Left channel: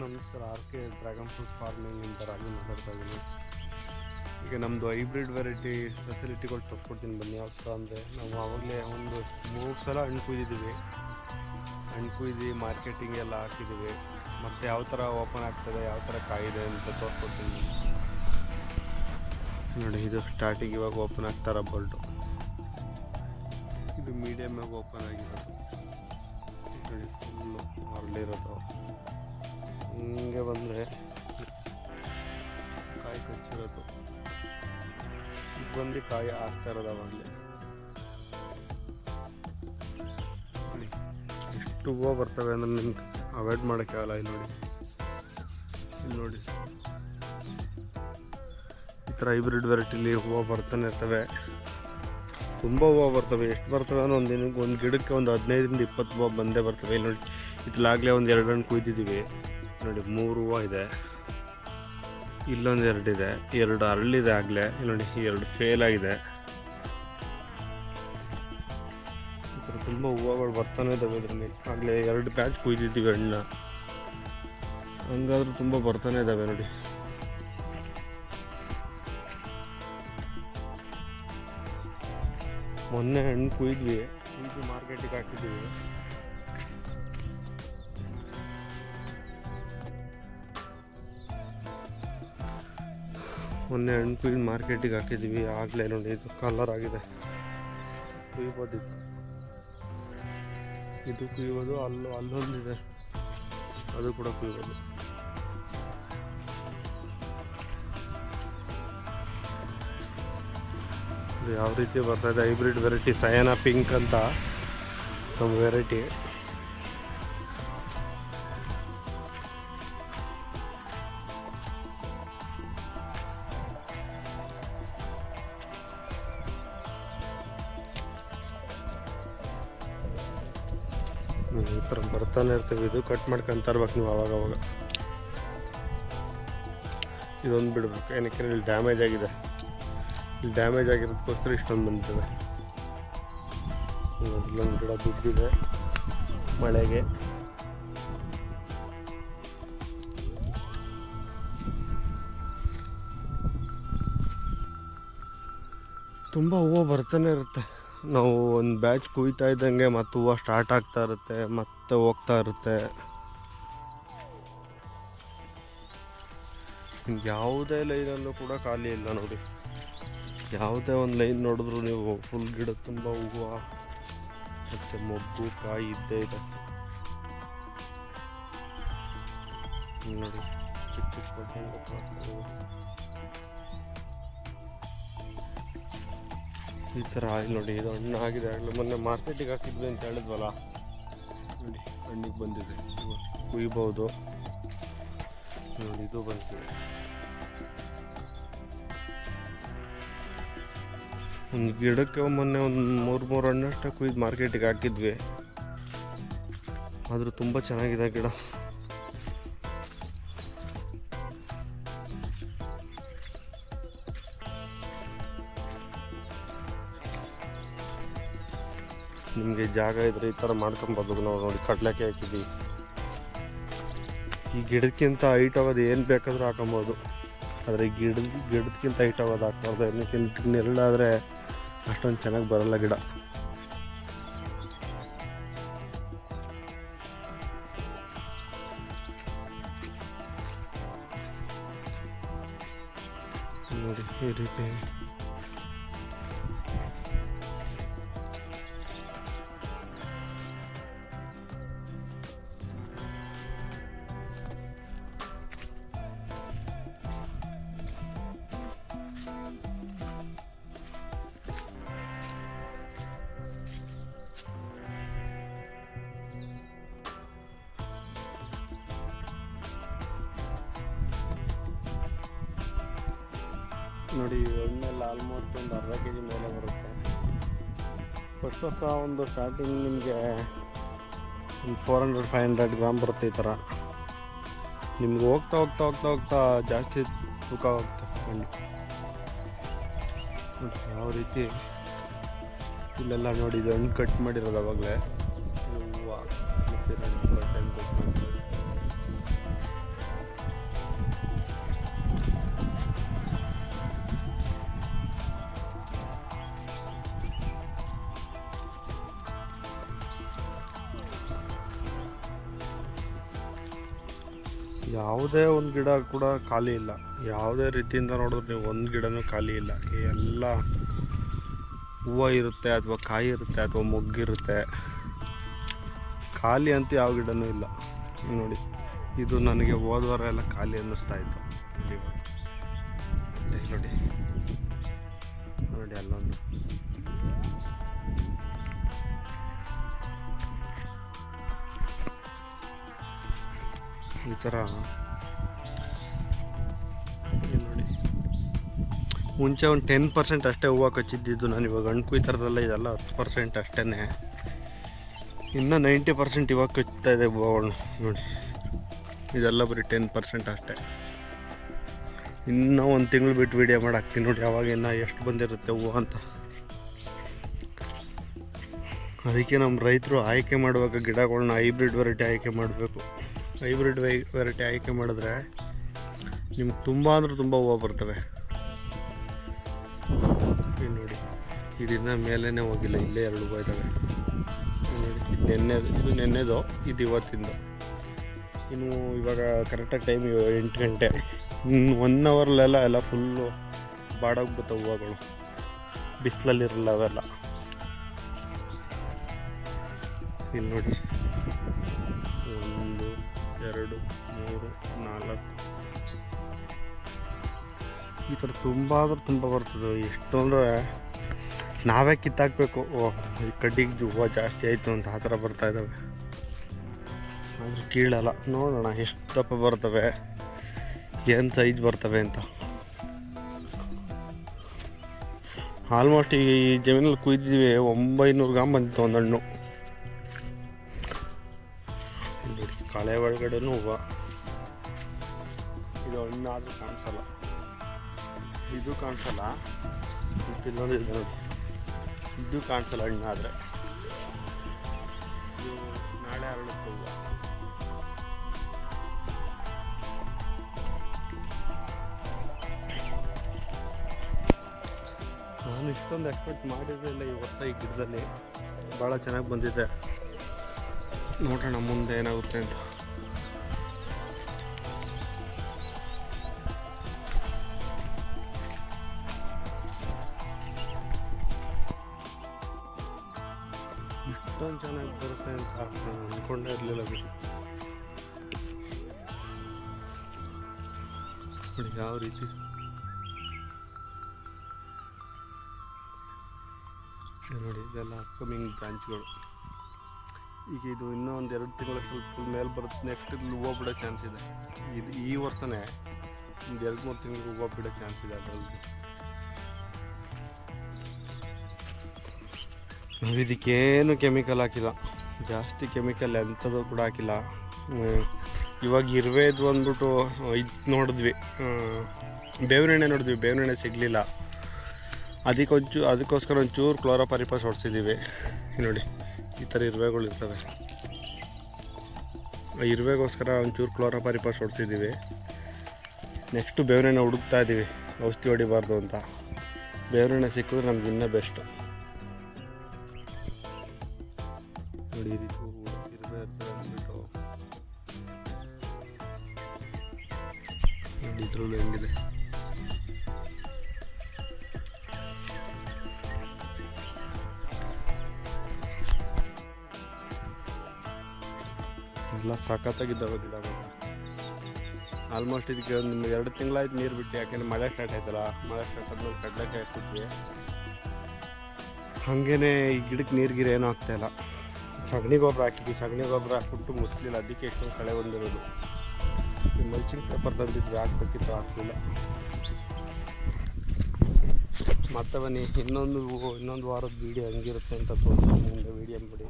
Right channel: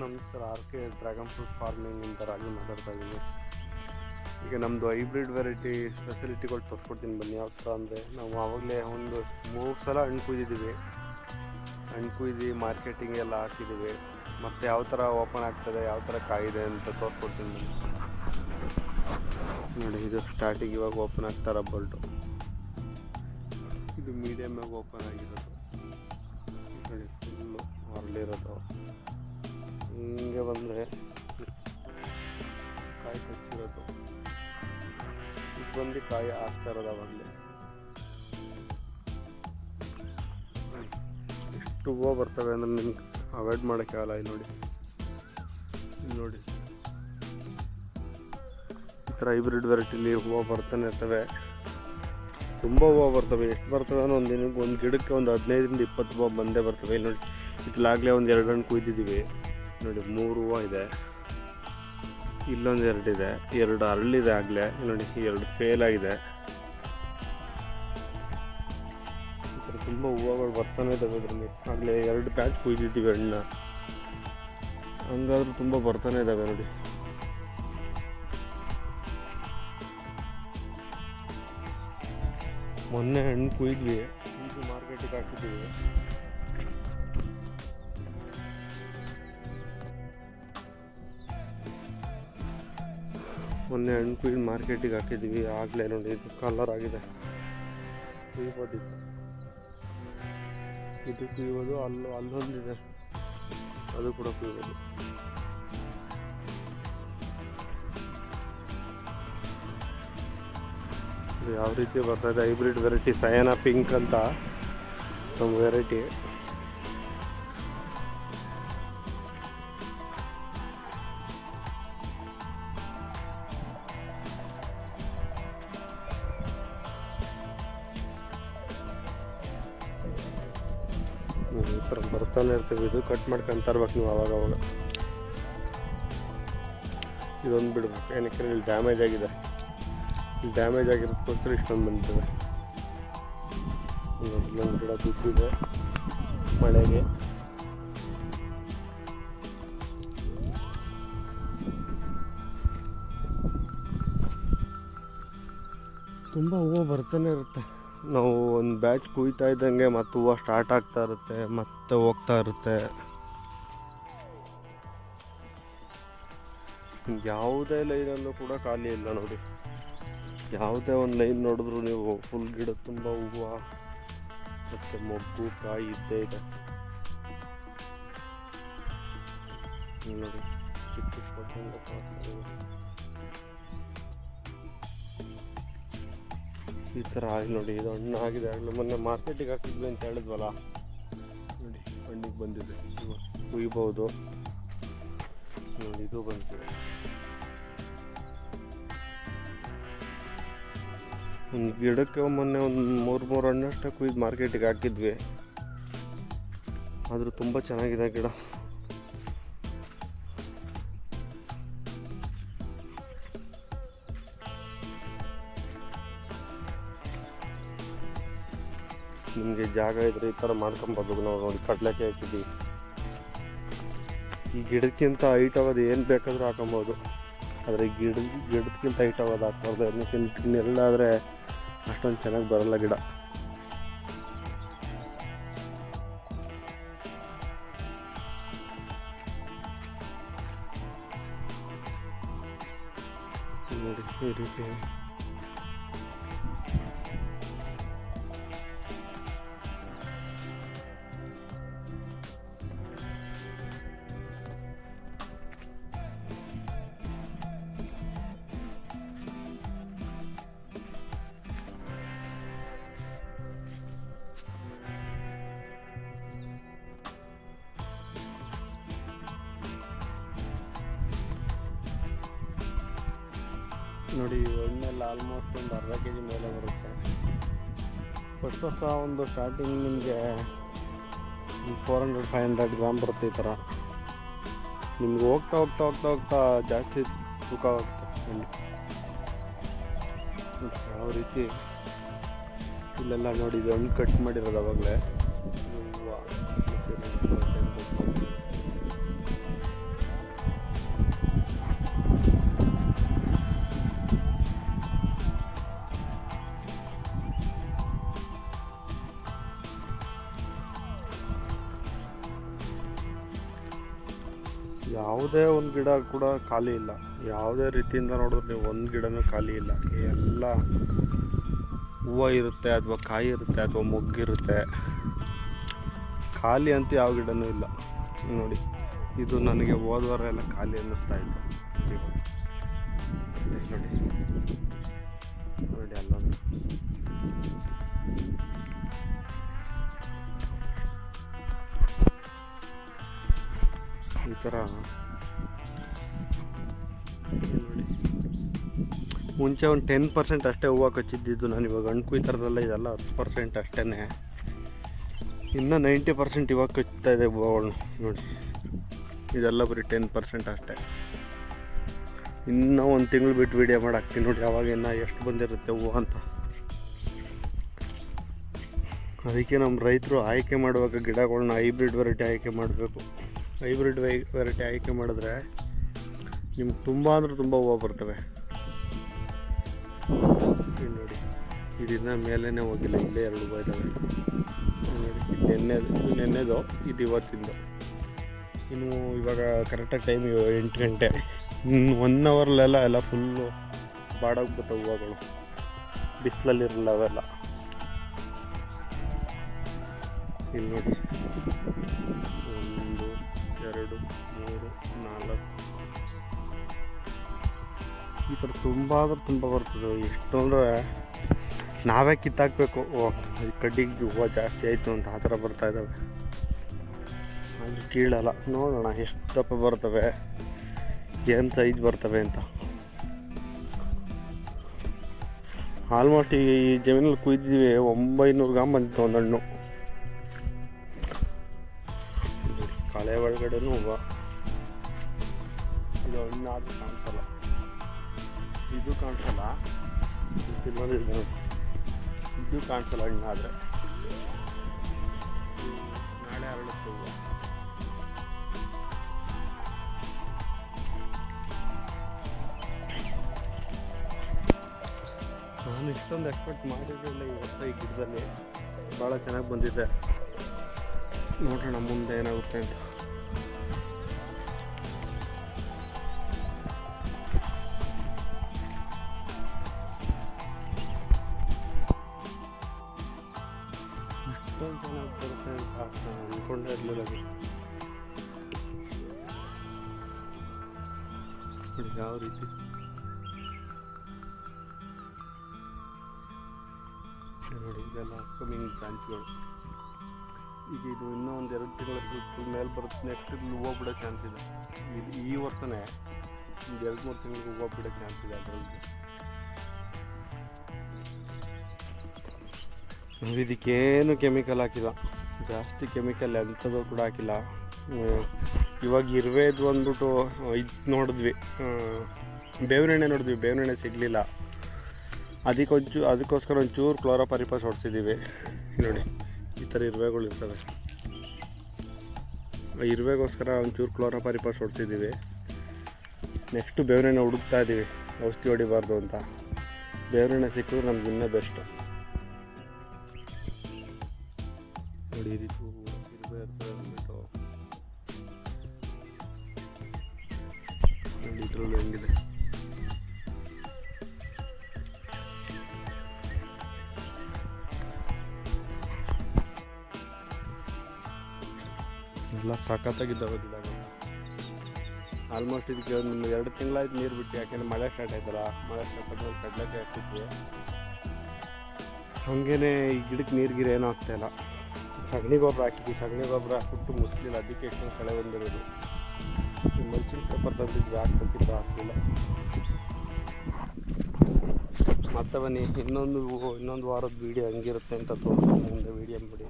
ನಮಸ್ಕಾರ. R K dragon fruit ಫಾರ್ಮಿಂಗಿಂದ ರಾಜು ಮಾತಾಡ್ತಾ ಇದ್ದೀನಿ. ಈಗ ನಮ್ಮದು ಹೈಬ್ರಿಡ್ ವೆರೈಟಿ ಫೆಸಿಲಿಟಿಗಳು ತೋರಿಸ್ಕೊಡ್ತೀನಿ ಬನ್ನಿ. ಯಾವ ಥರ ಅಂದರೆ, ನಾವು ಆವಾಗಲೇ ಒಂದು 3 ಸಲ ಹಣ್ಣು ಕುಯ್ದಿದ್ದೀವಿ. ಹಣ್ಣು ಕುಯ್ದು ಮಾರ್ಕೆಟಿಂಗ್ ಎಲ್ಲ ಹಾಕಿದ್ದೀವಿ. ಮತ್ತು ಯಾವ ಥರ ಓಪನ್ ಆಗ್ತದೆ, ಯಾವ ಥರ ಕಾಯಿದೆ ಅಂತ ತೋರಿಸ್ಕೊಡ್ತೀನಿ ಬನ್ನಿ. ನೋಡಿ, ಇದು ಸ್ಟಾರ್ಟಿಂಗ್ ಇವಾಗ ಓಪನ್ ಆಗ್ತಾರ ಬೋಲ್ಟು. ಇದು ಮೀಡಿಯಮಾಗಿ ಓಪನ್ ಆಗಿರೋದು. ನೋಡಿ, ಫುಲ್ಲು ಅರಳಿರೋದು. ಹಿಂಗೆ ಬಂದರೆ ಕಾಯಿ ಕಚ್ಚಿರೋದು. ಇದು ಬಂದು ಕಾಯಿ ಆಗ್ತಾ ಇರೋದು ಅವಾಗಲೇ. ಎಷ್ಟು ಹೂವು ಬರ್ತವೆ ಅಂದರೆ ನಿಮ್ಗೆ ಅವಾಯ್ಡ್ ಮಾಡೋಕ್ಕಾಗಲ್ಲ. ಇಲ್ಲಿ ನೋಡಿ, ಈ ಥರ ಹೈಬ್ರಿಡ್ ವೆರೈಟಿಲಿ ಹೂವು ಬರ್ತಾನೆ ಇರ್ತವೆ. ತುಂಬ ಹೂವು ಬರ್ತವೆ. ಎಷ್ಟು ಬರ್ತವೆ ಅಂದರೆ ಒಂದು ದಿನಕ್ಕೆ ಒಂದು ಗಿಡಕ್ಕೆ ಒಂದು 15ರಿಂದ 20 ಹೂವು ಬಂದೇ ಬರ್ತವೆ. ಇಲ್ಲಿ ನೋಡಿ, ಇತ್ಲಾಗಲೇ ಒಂದು 2 ಹಣ್ಣು ಕುಯ್ದಿದ್ದೀವಿ. ನೋಡಿ, 3 ಹೂವು ಇದೆ. ಇಲ್ಲೊಂದು 2 ಇದೆ. 2 ಅರಳಿದೆ ಆಗಲೇ. ನೋಡಿ, 2 ಫೇಲ್ ಆಗಿದೆ. ಈ ಥರ ತುಂಬ ಹೂವುಗಳು ಬರ್ತಾನೆ ಇದ್ದಾವೆ. ಇದರಲ್ಲಿ ಆಗಲೇ 2 ಬ್ಯಾಚ್ ಕುಯ್ದಿದ್ದೀವಿ ಹಣ್ಣ. ಹಂಗಾದ್ರೂ ತುಂಬ ಬರ್ತಾನೆ ಇದ್ದಾವೆ. ನೋಡಿ, ಮೊನ್ನೆ ಹಣ್ಣು ಕುಯ್ದ್ವಿ, ಇದು ಮಾರ್ಕೆಟಿಗೆ ಹಾಕಿದ್ದೀವಿ. ಮೊನ್ನೆ ಹಣ್ಣು ಕುಯ್ದು ಮಾರ್ಕೆಟಿಗೆ ಹಾಕಿದ್ದೀವಿ. ಆಗಲೇ ನೋಡಿ, ಇದು ಕಲರ್ ಆಗಿದೆ. ಕುಯ್ಬೋದು. ಇದು ಕುಯ್ಬೋದು. ಅಲ್ಲೊಂದಿದೆ, ಅದು ಕೂಡ ಕುಯ್ಬೋದು. ಯಾವ ರೀತಿ ಬರ್ತಾಯಿದೆ ಹೈಬ್ರಿಡ್ ವೆರೈಟಿ ಸಯಾನಾ ಪಿಂಕ್ ಅಂತ ನಮ್ಮ ವೆರೈಟಿ. ಈ ಥರ ಬರ್ತಾನೆ ಇರ್ತೀವಿ. ಇದು ಕಟ್ ಮಾಡ್ಕೊಂತ ಇರ್ಬೇಕು ನೀವು ಅವಾಗವಾಗ. ಇದೊಂದು ಬಿಡ್ಬೇಕು, ಏನಕ್ಕೆ ಇಲ್ಲಿ ಡ್ಯಾಮೇಜ್ ಆಗಿದೆ. ಇಲ್ಲಿ ಡ್ಯಾಮೇಜ್ ಆಗಿರೋದಕ್ಕೋಸ್ಕರ ಇಷ್ಟೊಂದು ಬಂದಿದೆ. ಇಲ್ಲೊಂದು ಗಿಡ ಬಿದ್ದಿದೆ ಮಳೆಗೆ. ತುಂಬ ಹೂವು ಬರ್ತಾನೆ ಇರುತ್ತೆ. ನಾವು ಒಂದು ಬ್ಯಾಚ್ ಕುಯ್ತಾ ಇದ್ದಂಗೆ ಮತ್ತು ಹೂವು ಸ್ಟಾರ್ಟ್ ಆಗ್ತಾ ಇರುತ್ತೆ, ಮತ್ತೆ ಹೋಗ್ತಾ ಇರುತ್ತೆ. ಯಾವುದೇ ಲೈನಲ್ಲೂ ಕೂಡ ಖಾಲಿ ಇಲ್ಲ. ನೋಡಿ, ಯಾವುದೇ ಒಂದು ಲೈನ್ ನೋಡಿದ್ರು ನೀವು ಫುಲ್ ಗಿಡ ತುಂಬ ಹೂವು ಮತ್ತು ಮೊಗ್ಗು ಕಾಯಿ ಇದ್ದೇ ಇದೆ. ನೋಡಿ, ಈ ಥರ ಆಗಿ ನೋಡಿ, ಇದು ಹಣ್ಣು ಆಗಿದೆ. ಆಗಲೇ ಮೊನ್ನೆ ಮಾರ್ಕೆಟಿಗೆ ಹಾಕಿದ್ವಿ ಅಂತ ಹೇಳಿದ್ವಲ್ಲ. ನೋಡಿ, ಹಣ್ಣಿಗೆ ಬಂದಿದೆ. ಕುಯ್ಬೋದು. ನೋಡಿ, ಇದು ಬಂದಿದೆ. ಒಂದು ಗಿಡಕ್ಕೆ ಮೊನ್ನೆ ಒಂದು 3 ಹಣ್ಣಷ್ಟೇ ಕುಯ್ದು ಮಾರ್ಕೆಟಿಗೆ ಹಾಕಿದ್ವಿ. ಆದರೂ ತುಂಬ ಚೆನ್ನಾಗಿದೆ ಗಿಡ. ನಿಮಗೆ ಜಾಗ ಇದ್ರೆ ಈ ಥರ ಮಾಡ್ಕೊಬೋದು. ನಾವು ನೋಡಿ, ಕಡಲೆಕಾಯಿ ಹಾಕಿದ್ವಿ. ಈ ಗಿಡಕ್ಕಿಂತ ಹೈಟ್ ಆಗೋದು ಏನು ಬೇಕಾದರೂ ಹಾಕೊಬೋದು. ಆದರೆ ಈ ಗಿಡಕ್ಕಿಂತ ಹೈಟ್ ಆಗೋದು ಹಾಕ್ಬಾರ್ದು. ಅದಕ್ಕಿಂತ ನೆರಳಾದರೆ ಅಷ್ಟೊಂದು ಚೆನ್ನಾಗಿ ಬರಲ್ಲ ಗಿಡ. ನೋಡಿ, ಈ ರೀತಿ ನೋಡಿ, ಹಣ್ಣೆಲ್ಲ ಆಲ್ಮೋಸ್ಟ್ ಒಂದು ಅರ್ಧ kg ಮೇಲೆ ಬರುತ್ತೆ. ಫಸ್ಟ್ ಒಂದು ಸ್ಟಾರ್ಟಿಂಗ್ ನಿಮಗೆ 400-500 ಗ್ರಾಮ್ ಬರುತ್ತೆ. ಈ ಥರ ನಿಮ್ಗೆ ಹೋಗ್ತಾ ಜಾಸ್ತಿ ತೂಕ ಆಗುತ್ತೆ. ಯಾವ ರೀತಿ ಇಲ್ಲೆಲ್ಲ ನೋಡಿ, ಇದು ಹಣ್ಣು ಕಟ್ ಮಾಡಿರೋದು ಅವಾಗಲೇ. ಯಾವುದೇ ಒಂದು ಗಿಡ ಕೂಡ ಖಾಲಿ ಇಲ್ಲ. ಯಾವುದೇ ರೀತಿಯಿಂದ ನೋಡಿದ್ರೆ ನೀವು ಒಂದು ಗಿಡನೂ ಖಾಲಿ ಇಲ್ಲ. ಎಲ್ಲ ಹೂವು ಇರುತ್ತೆ, ಅಥವಾ ಕಾಯಿ ಇರುತ್ತೆ, ಅಥವಾ ಮೊಗ್ಗಿರುತ್ತೆ. ಖಾಲಿ ಅಂತ ಯಾವ ಗಿಡನೂ ಇಲ್ಲ ನೋಡಿ. ಇದು ನನಗೆ ಹೋದ ವಾರ ಎಲ್ಲ ಖಾಲಿ ಅನ್ನಿಸ್ತಾ ಇತ್ತು. ನೋಡಿ ನೋಡಿ ಅಲ್ಲೊಂದು ಈ ಥರ ನೋಡಿ. ಮುಂಚೆ ಒಂದು 10% ಅಷ್ಟೇ ಹೂವು ಕಚ್ಚಿದ್ದಿದ್ದು. ನಾನು ಇವಾಗ ಹಣ್ಣು ಕುಯ್ತಾರದಲ್ಲ, ಇದೆಲ್ಲ 10% ಅಷ್ಟೇ. ಇನ್ನು 90% ಇವಾಗ ಕಚ್ತಾ ಇದೆ ಹೂವುಗಳು ನೋಡಿ. ಇದೆಲ್ಲ ಬರೀ 10% ಅಷ್ಟೇ. ಇನ್ನೂ ಒಂದು ತಿಂಗಳು ಬಿಟ್ಟು ವೀಡಿಯೋ ಮಾಡಿ ಹಾಕ್ತೀನಿ ನೋಡಿ, ಅವಾಗ ಇನ್ನು ಎಷ್ಟು ಬಂದಿರುತ್ತೆ ಹೂವು ಅಂತ. ಅದಕ್ಕೆ ನಮ್ಮ ರೈತರು ಆಯ್ಕೆ ಮಾಡುವಾಗ ಗಿಡಗಳನ್ನ ಹೈಬ್ರಿಡ್ ವೆರೈಟಿ ಆಯ್ಕೆ ಮಾಡಬೇಕು. ಹೈಬ್ರಿಡ್ ವೆರೈಟಿ ಆಯ್ಕೆ ಮಾಡಿದ್ರೆ ನಿಮ್ಗೆ ತುಂಬ ಅಂದರೆ ತುಂಬ ಹೂವು ಬರ್ತವೆ. ನೋಡಿ ಇದನ್ನ ಮೇಲೇ ಹೋಗಿಲ್ಲ, ಇಲ್ಲೇ 2 ಹೂವು ಇದ್ದಾವೆ ನೋಡಿ. ನೆನ್ನೆದು ಇದು ಇವತ್ತಿಂದು. ಇನ್ನು ಇವಾಗ ಕರೆಕ್ಟಾಗಿ ಟೈಮ್ 8 ಗಂಟೆ. 1 ಅವರ್ಲೆಲ್ಲ ಎಲ್ಲ ಫುಲ್ಲು ಬಾಡೋಗ್ಬಿಡ್ತಾವೆ ಹೂವುಗಳು, ಬಿಸಿಲಲ್ಲಿರಲ್ಲ ಅವೆಲ್ಲ. ಇಲ್ಲಿ ನೋಡಿ 1 2 3 4 ಈ ಥರ ತುಂಬ ಅಂದ್ರೆ ತುಂಬ ಬರ್ತದೆ. ಎಷ್ಟು ಅಂದರೆ ನಾವೇ ಕಿತ್ತಾಕಬೇಕು. ಈ ಕಡ್ಡಿಗೆ ಹೂವು ಜಾಸ್ತಿ ಆಯಿತು ಅಂತ ಆ ಥರ ಬರ್ತಾಯಿದ್ದಾವೆ. ಅದು ಕೀಳಲ್ಲ. ನೋಡೋಣ ಎಷ್ಟು ದಪ್ಪ ಬರ್ತವೆ, ಏನು ಸೈಜ್ ಬರ್ತವೆ ಅಂತ. ಆಲ್ಮೋಸ್ಟ್ ಈ ಜಮೀನಲ್ಲಿ ಕುಯ್ದಿದ್ದೀವಿ. 900 ಗ್ರಾಮ್ ಬಂದಿತ್ತು ಒಂದು ಹಣ್ಣು. ಕಳೆ ಒಳಗಡೆನೂ ಹೂವು. ಇದು ಹಣ್ಣಾದರೂ ಕಾಣಿಸಲ್ಲ, ಇದು ಕಾಣಿಸಲ್ಲ. ಇನ್ನೊಂದು ಇದೆ ನೋಡಿ, ಇದು ಕಾಣಿಸಲ್ಲ ಹಣ್ಣಾದರೆ. ನಾಳೆ ಅರಳುತ್ತೆ ಹೂವು. ನಾನು ಇಷ್ಟೊಂದು ಎಕ್ಸ್ಪೆಕ್ಟ್ ಮಾಡಿರಲಿಲ್ಲ ಈ ವರ್ಷ. ಈ ಗಿಡದಲ್ಲಿ ಭಾಳ ಚೆನ್ನಾಗಿ ಬಂದಿದೆ. ನೋಡೋಣ ಮುಂದೆ ಏನಾಗುತ್ತೆ ಅಂತ. ಇಷ್ಟೊಂದು ಚೆನ್ನಾಗಿ ಬರುತ್ತೆ ಅಂತ ಅಂದ್ಕೊಂಡೇ ಇರಲಿಲ್ಲ. ನೋಡಿ ಯಾವ ರೀತಿ ನೋಡಿ. ಇದೆಲ್ಲ ಅಪ್ಕಮಿಂಗ್ ಬ್ರಾಂಚ್ಗಳು. ಈಗ ಇದು ಇನ್ನೂ ಒಂದು 2 ತಿಂಗಳ ಫುಲ್ ಮೇಲೆ ಬರುತ್ತೆ. ನೆಕ್ಸ್ಟ್ ಹೂವು ಬಿಡೋ ಚಾನ್ಸ್ ಇದೆ. ಇದು ಈ ವರ್ಷನೇ ಒಂದು 2-3 ತಿಂಗಳಿಗೆ ಹೂವು ಬಿಡೋ ಚಾನ್ಸ್ ಇದೆ. ಅದರಲ್ಲಿ ಇದಕ್ಕೇನು ಕೆಮಿಕಲ್ ಹಾಕಿಲ್ಲ, ಜಾಸ್ತಿ ಕೆಮಿಕಲ್ ಎಂಥದ್ದು ಕೂಡ ಹಾಕಿಲ್ಲ. ಇವಾಗ ಇರುವೆದು ಅಂದ್ಬಿಟ್ಟು ಇದು ನೋಡಿದ್ವಿ, ಬೇವಿನ ಎಣ್ಣೆ ನೋಡಿದ್ವಿ. ಬೇವಿನ ಎಣ್ಣೆ ಸಿಗಲಿಲ್ಲ. ಅದಕ್ಕೋಸ್ಕರ ಒಂಚೂರು ಕ್ಲೋರೋಪರಿಪಾಸ್ ಹೊಡ್ಸಿದ್ದೀವಿ ನೋಡಿ. ಈ ಥರ ಇರುವೆಗಳು ಇರ್ತವೆ. ಆ ಇರುವೆಗೋಸ್ಕರ ಒಂಚೂರು ಕ್ಲೋರೋಪರಿಪಾಸ್ ಹೊಡ್ಸಿದ್ದೀವಿ. ನೆಕ್ಸ್ಟು ಬೇವಿನ ಎಣ್ಣೆ ಹುಡುಕ್ತಾ ಇದ್ದೀವಿ, ಔಷಧಿ ಹೊಡಿಬಾರ್ದು ಅಂತ. ಬೇವಿನ ಎಣ್ಣೆ ಸಿಕ್ಕಿದ್ರೆ ನಮ್ಗೆ ಇನ್ನೂ ಬೆಸ್ಟ್ ನೋಡಿ. ಈ ರೀತಿ ಇರುವೆ ಇರ್ತವೆ ಅಂದ್ಬಿಟ್ಟು ನೋಡಿ. ಇದರಲ್ಲೂ ಹೆಂಗಿದೆ ಎಲ್ಲ ಸಖತ್ತಾಗಿದ್ದಾವೆ ಗಿಡಗಳು. ಆಲ್ಮೋಸ್ಟ್ ಇದಕ್ಕೆ ಒಂದು 2 ತಿಂಗಳಾಯ್ತು ನೀರು ಬಿಟ್ಟು. ಯಾಕೆಂದರೆ ಮಳೆ ಸ್ಟಾರ್ಟ್ ಆಯ್ತಲ್ಲ, ಮಳೆ ಸ್ಟಾರ್ಟ್ ಆದ್ಮೇಲೆ ಕಡಲೆಕಾಯಿ ಹಾಕ್ತಿದ್ವಿ. ಹಾಗೇ ಈ ಗಿಡಕ್ಕೆ ನೀರು ಏನೂ ಆಗ್ತಾಯಿಲ್ಲ. ಸಗಣಿ ಗೊಬ್ಬರ ಹಾಕಿದ್ವಿ, ಸಗಣಿ ಗೊಬ್ಬರ ಹಾಕ್ಬಿಟ್ಟು ಮುಸ್ಲಿಲ್ಲ. ಅದಕ್ಕೆ ಎಷ್ಟೊಂದು ಕಳೆ ಬಂದಿರೋದು. ಮಲ್ಚಿಂಗ್ ಪೇಪರ್ ತಂದಿದ್ವಿ, ಹಾಕ್ಬೇಕಿತ್ತು, ಹಾಕಲಿಲ್ಲ. ಮತ್ತೆ ಬನ್ನಿ, ಇನ್ನೊಂದು ವಾರದ ವೀಡಿಯೋ ಹಂಗಿರುತ್ತೆ ಅಂತ ತೋರಿಸ್ತೀನಿ ಮುಂದೆ. ವೀಡಿಯೋ ಮಾಡಿ.